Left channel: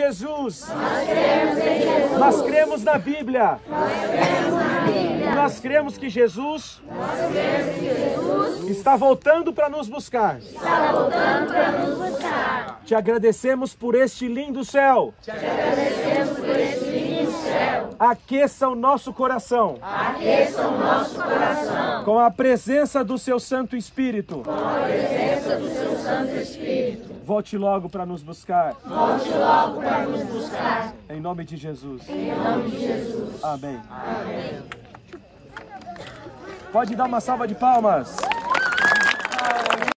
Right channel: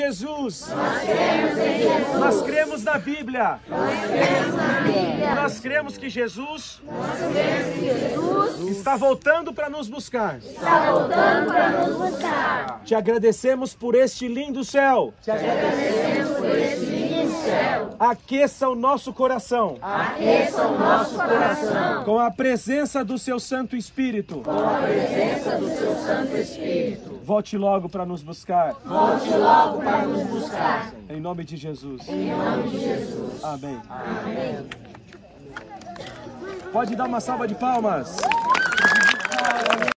Jesus. Nós cremos na Bíblia. Nós cremos que Jesus está voltando para nos buscar. Te agradecemos por este lindo céu. Aqueça o nosso coração. Com a presença do seu Santo Espírito. Volte logo para nos buscar. Em nome de Jesus. Amém. Pode dar uma salva de palmas.